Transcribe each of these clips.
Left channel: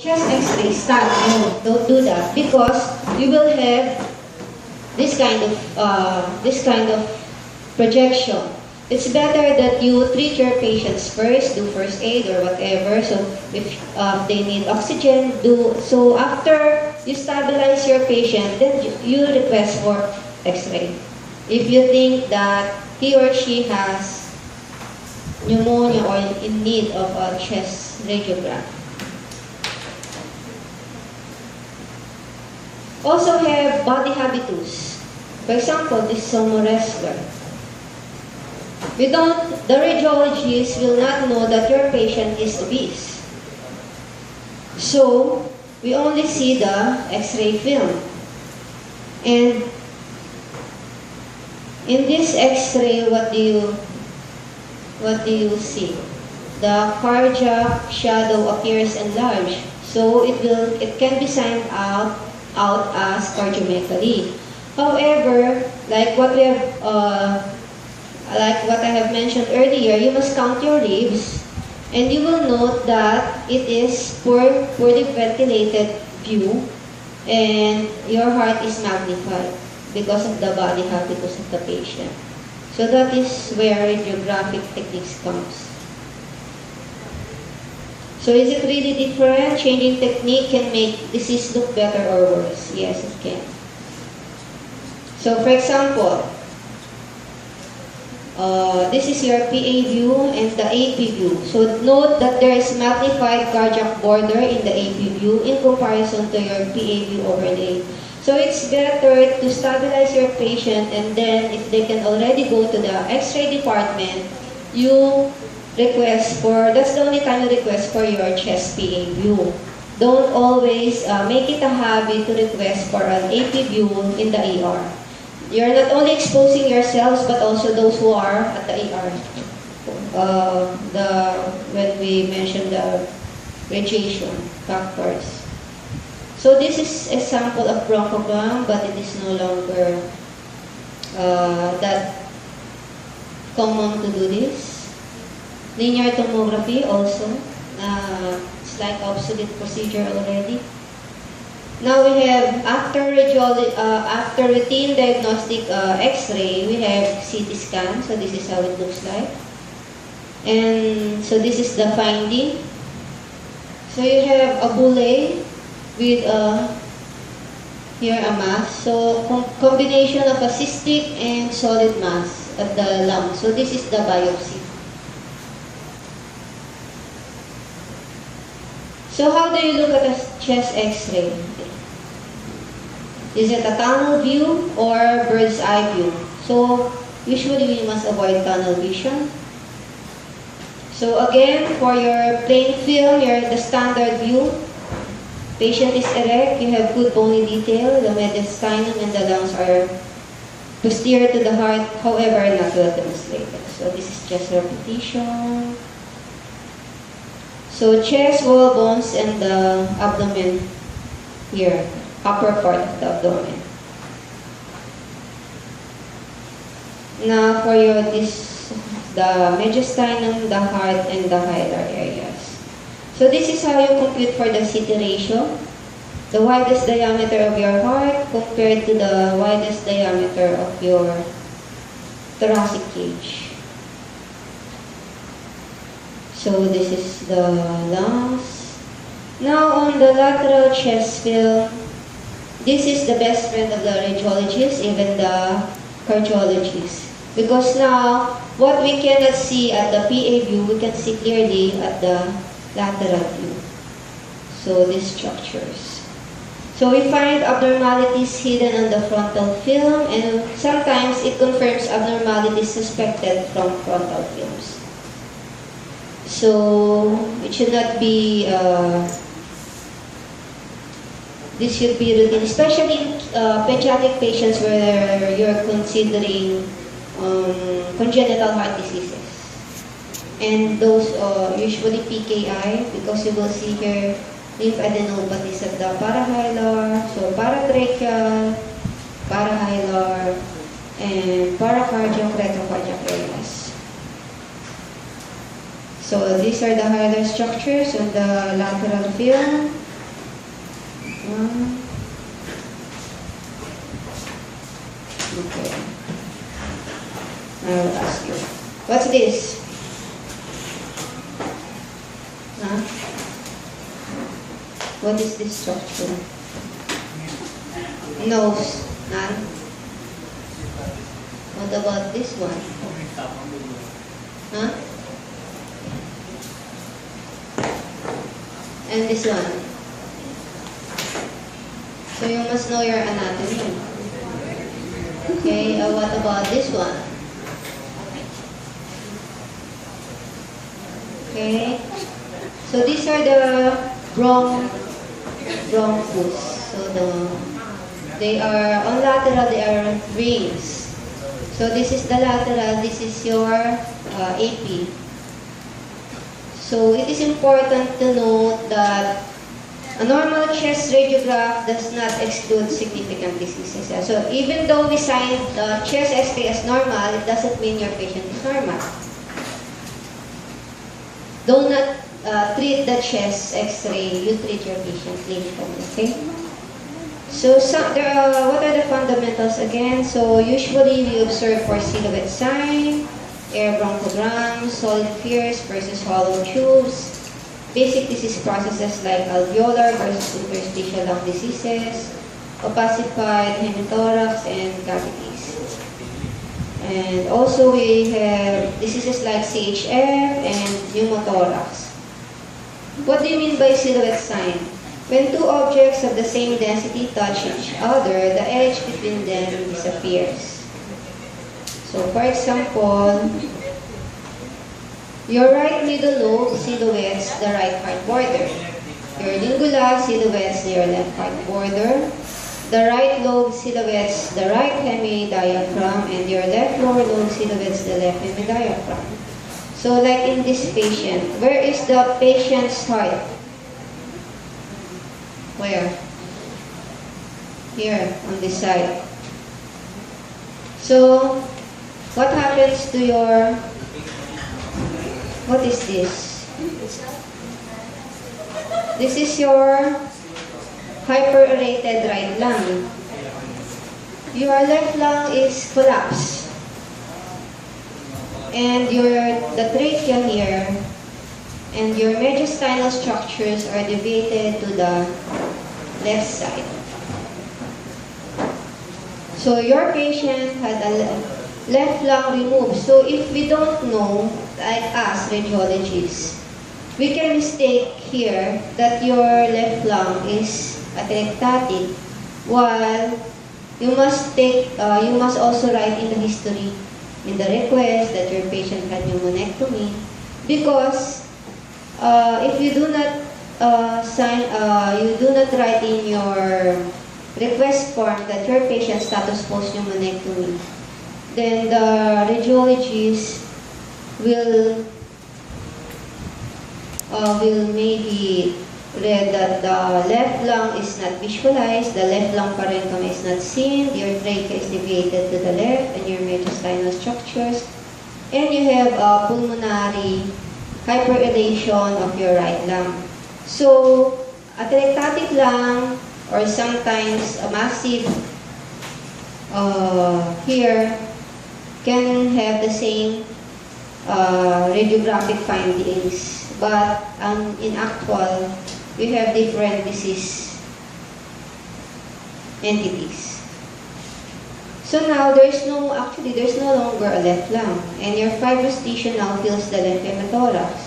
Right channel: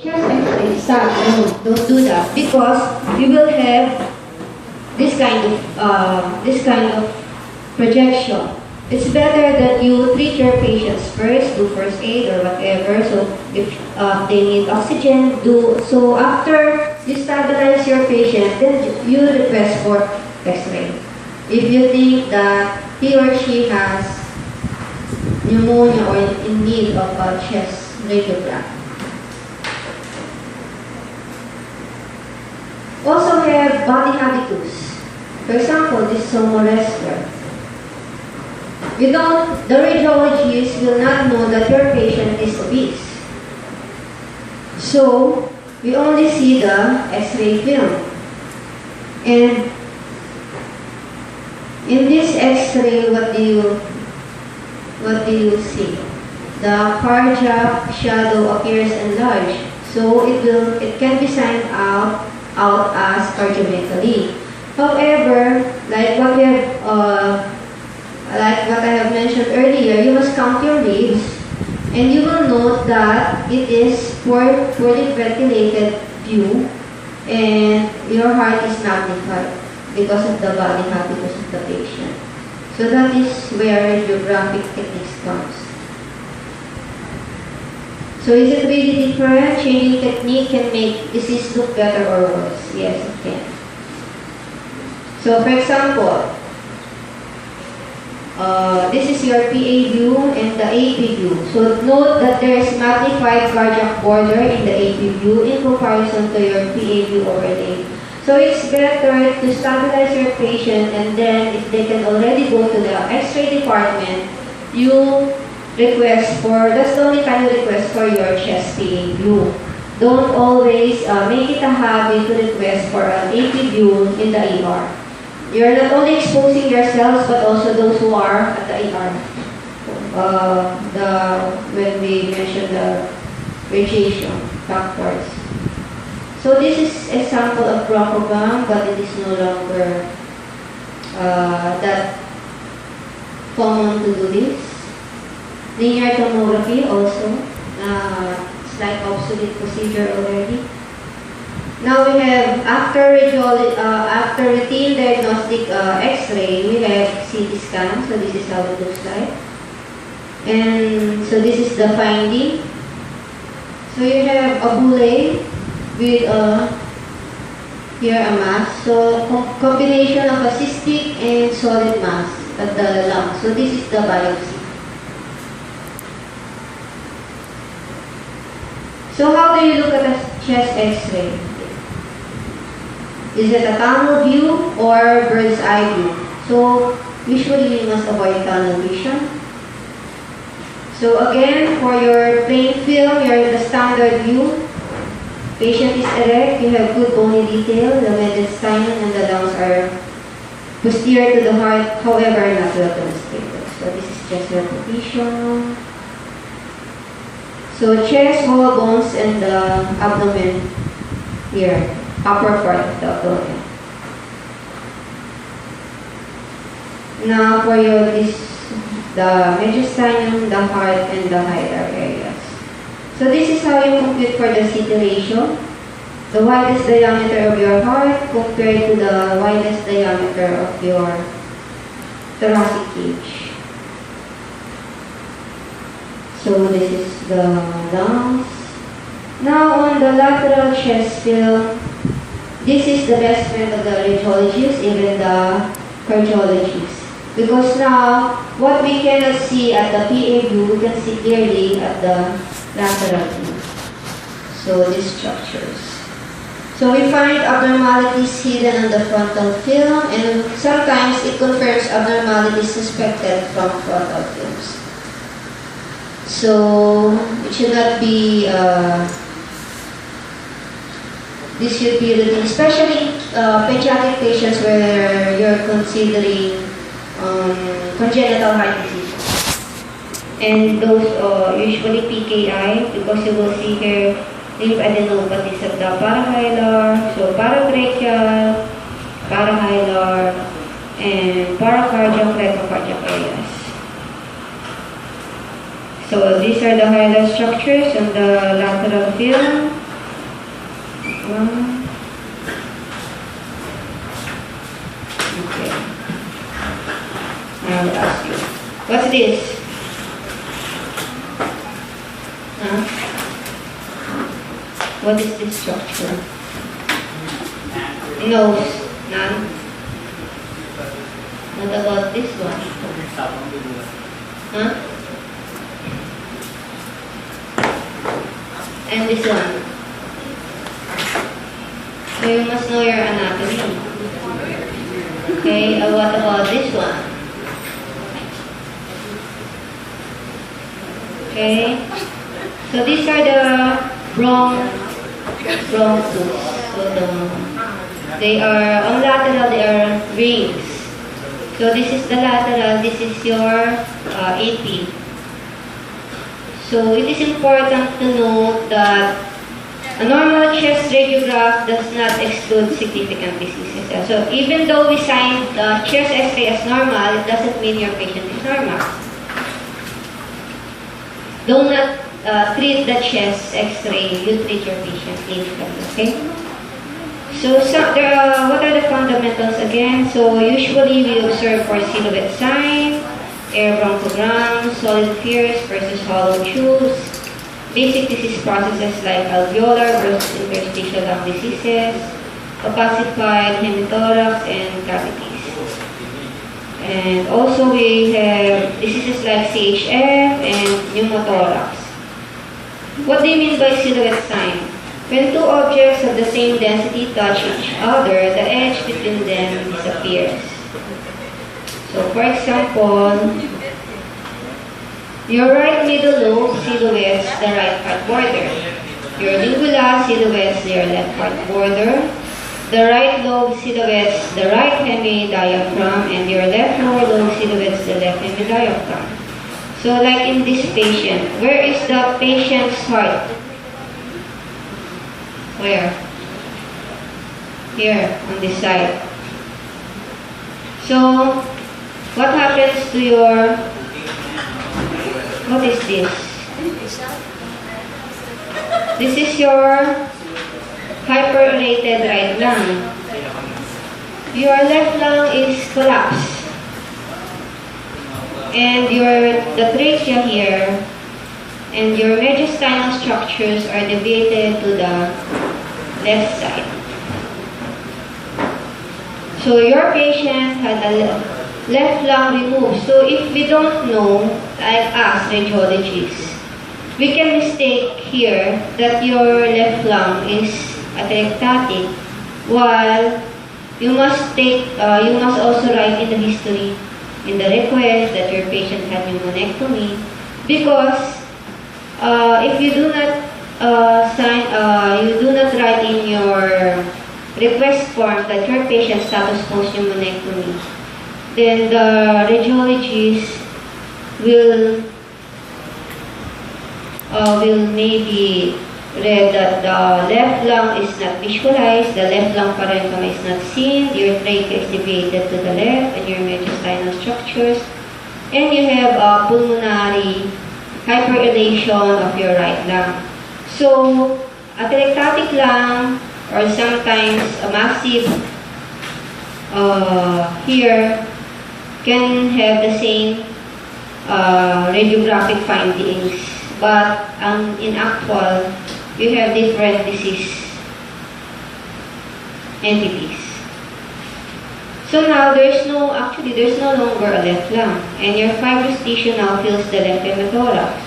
Chest X-ray, stop. No, don't do that because you will have this kind of projection. It's better that you treat your patients first, do first aid or whatever. So if they need oxygen, do so. After you stabilize your patient, then you request for X-ray. If you think that he or she has pneumonia or in need of a chest radiogram. Also have body habitus. For example, this sumo wrestler. The radiologist will not know that your patient is obese. So, we only see the X-ray film. And in this X-ray, what do you see? The cardiac shadow appears enlarged. So it can be signed out as cardiomegaly. However, like what I have mentioned earlier, you must count your leaves, and you will note that it is poorly ventilated view, and your heart is magnified because of the body habitus of the patient. So that is where radiographic techniques comes. So is it really different? Changing technique can make disease look better or worse? Yes, it can. So for example, this is your PA view and the AP view. So note that there is magnified cardiac border in the AP view in comparison to your PA view overlay. So it's better to stabilize your patient, and then if they can already go to the X-ray department, you request for, that's the only time you request for your chest PA view. Don't always make it a habit to request for an AP view in the ER. You're not only exposing yourselves, but also those who are at the ER. When we mentioned the radiation factors. So this is example of bronchogram, but it is no longer that common to do this. Linear tomography also, it's like obsolete procedure already. Now we have, after routine diagnostic X-ray, we have CT scan. So this is how it looks like. And so this is the finding. So you have a bulle with here a mass. So combination of a cystic and solid mass at the lung. So this is the biopsy. So how do you look at a chest X-ray? Is it a tunnel view or bird's eye view? So usually you must avoid tunnel vision. So again, for your plain film, the standard view. Patient is erect, you have good bony detail, the mediastinum and the lungs are posterior to the heart, however not well demonstrated. So this is just repetition. So chest, wall, bones, and the abdomen here, upper part of the abdomen. Now for the mediastinum, the heart, and the hilar areas. So this is how you compute for the CT ratio. The widest diameter of your heart compared to the widest diameter of your thoracic cage. So this is the lungs. Now on the lateral chest film, this is the best friend of the radiologists, even the cardiologists. Because now, what we cannot see at the PA view, we can see clearly at the lateral view. So these structures. So we find abnormalities hidden on the frontal film, and sometimes it confirms abnormalities suspected from frontal films. So it should not be, this should be routine, especially pediatric patients where you're considering congenital heart disease. And those usually PKI, because you will see here lymphadenopathies of the parahilar, so parabrachial, parahilar, and paracardiac, retrocardiac areas. So these are the hilar structures on the lateral film. Okay. I will ask you. What's this? Huh? What is this structure? Nose. None. What about this one? Huh? And this one. So you must know your anatomy. Okay, what about this one? Okay. So these are the bronchus. So they are on lateral, they are rings. So this is the lateral, this is your AP. So it is important to note that a normal chest radiograph does not exclude significant diseases. So even though we signed chest X-ray as normal, it doesn't mean your patient is normal. Do not treat the chest X-ray, you treat your patient clinically, okay? So what are the fundamentals again? So usually we observe for silhouette sign, air bronchograms, solid spheres versus hollow tubes, basic disease processes like alveolar versus interstitial lung diseases, opacified hemithorax, and cavities. And also we have diseases like CHF and pneumothorax. What do you mean by silhouette sign? When two objects of the same density touch each other, the edge between them disappears. So for example, your right middle lobe silhouettes the right part border. Your lingula silhouettes your left part border. The right lobe silhouettes the right hemidiaphragm, and your left lower lobe silhouettes the left hemidiaphragm. So like in this patient, where is the patient's heart? Where? Here, on this side. So, what happens to your, what is this? This is your hyperaerated right lung. Your left lung is collapsed. And the trachea here and your mediastinal structures are deviated to the left side. So your patient had a left lung removed. So if we don't know, like us radiologists, we can mistake here that your left lung is atelectatic, while you must also write in the history, in the request, that your patient had pneumonectomy, because if you do not write in your request form that your patient status post pneumonectomy, then the radiologist will maybe read that the left lung is not visualized, the left lung parenchyma is not seen, your trachea is deviated to the left, and your mediastinal structures, and you have a pulmonary hyperelation of your right lung. So, atelectatic lung, or sometimes a massive here, can have the same radiographic findings, but in actual, you have different disease entities. So now there's no longer a left lung, and your fibrous tissue now fills the left hemithorax.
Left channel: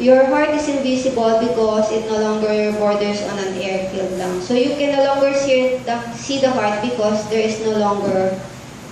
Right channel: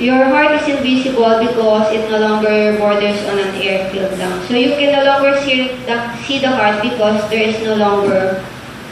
Your heart is invisible because it no longer borders on an air-filled lung. So you can no longer see the heart because there is no longer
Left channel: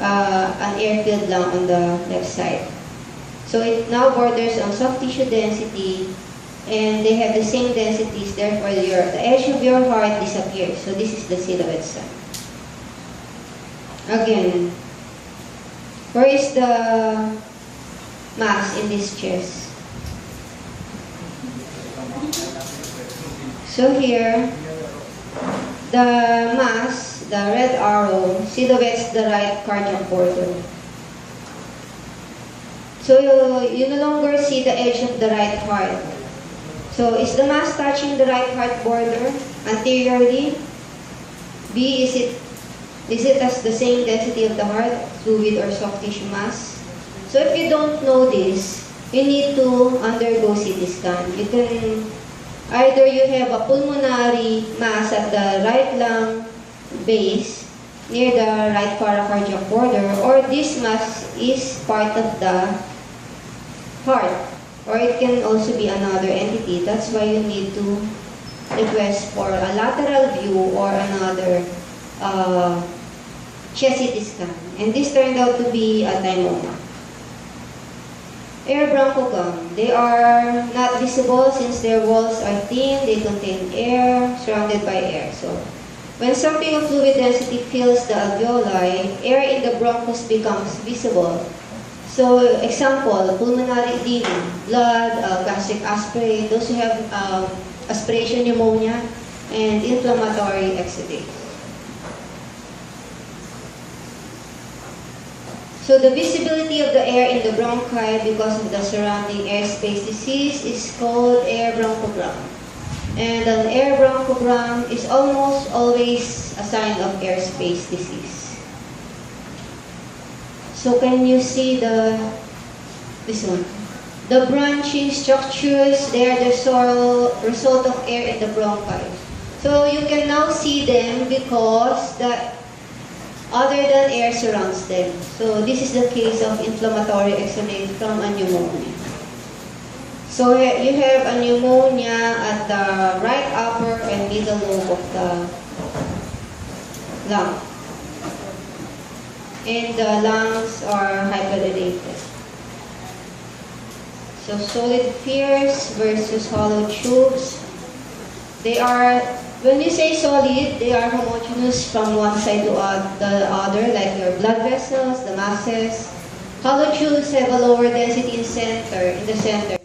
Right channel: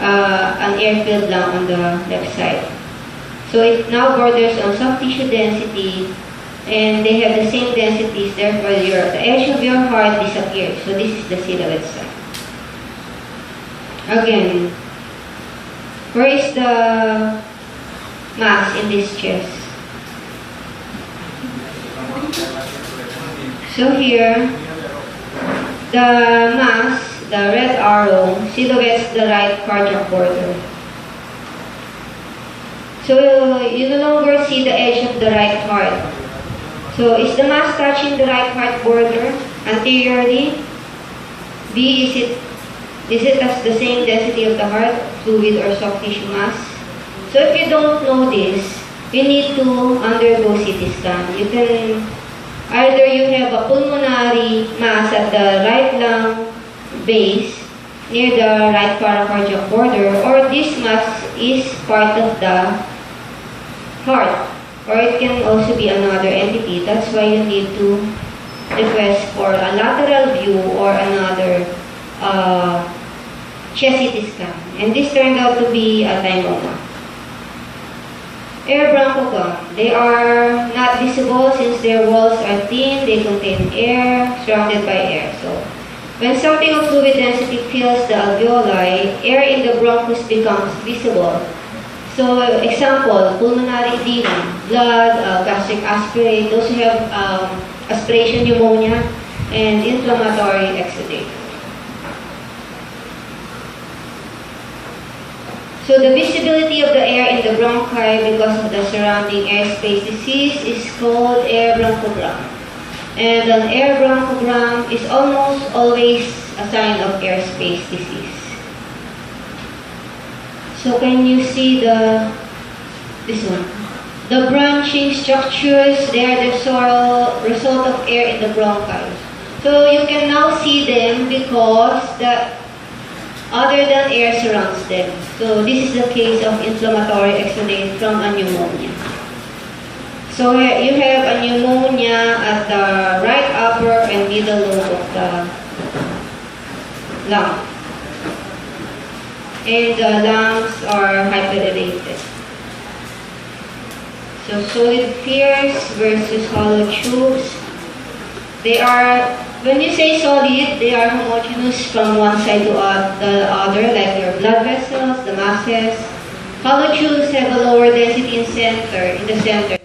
an air-filled lung on the left side. So it now borders on soft tissue density, and they have the same densities, therefore the edge of your heart disappears. So this is the silhouette sign. Again, where is the mass in this chest? So here, the mass, the red arrow, silhouettes the right cardiac border. So you no longer see the edge of the right heart. So is the mass touching the right heart border anteriorly? B, is it as the same density of the heart, fluid or soft tissue mass? So if you don't know this, you need to undergo CT scan. You can, either you have a pulmonary mass at the right lung base, near the right paracardiac border, or this mass is part of the heart, or it can also be another entity. That's why you need to request for a lateral view or another chest CT scan. And this turned out to be a thymoma. Air bronchogram. They are not visible since their walls are thin, they contain air, surrounded by air. So when something of fluid density fills the alveoli, air in the bronchus becomes visible. So example, pulmonary edema, blood, gastric aspirate, those who have aspiration pneumonia, and inflammatory exudate. So the visibility of the air in the bronchi because of the surrounding airspace disease is called air bronchogram. And an air bronchogram is almost always a sign of airspace disease. So can you see this one? The branching structures, they are the result of air in the bronchi. So you can now see them because the other than air surrounds them. So this is the case of inflammatory exudate from a pneumonia. So you have a pneumonia at the right upper and middle lobe of the lung. And the lungs are hyperdilated. So solid spheres versus hollow tubes. They are, when you say solid, they are homogeneous from one side to the other, like your blood vessels, the masses. Hollow tubes have a lower density in the center.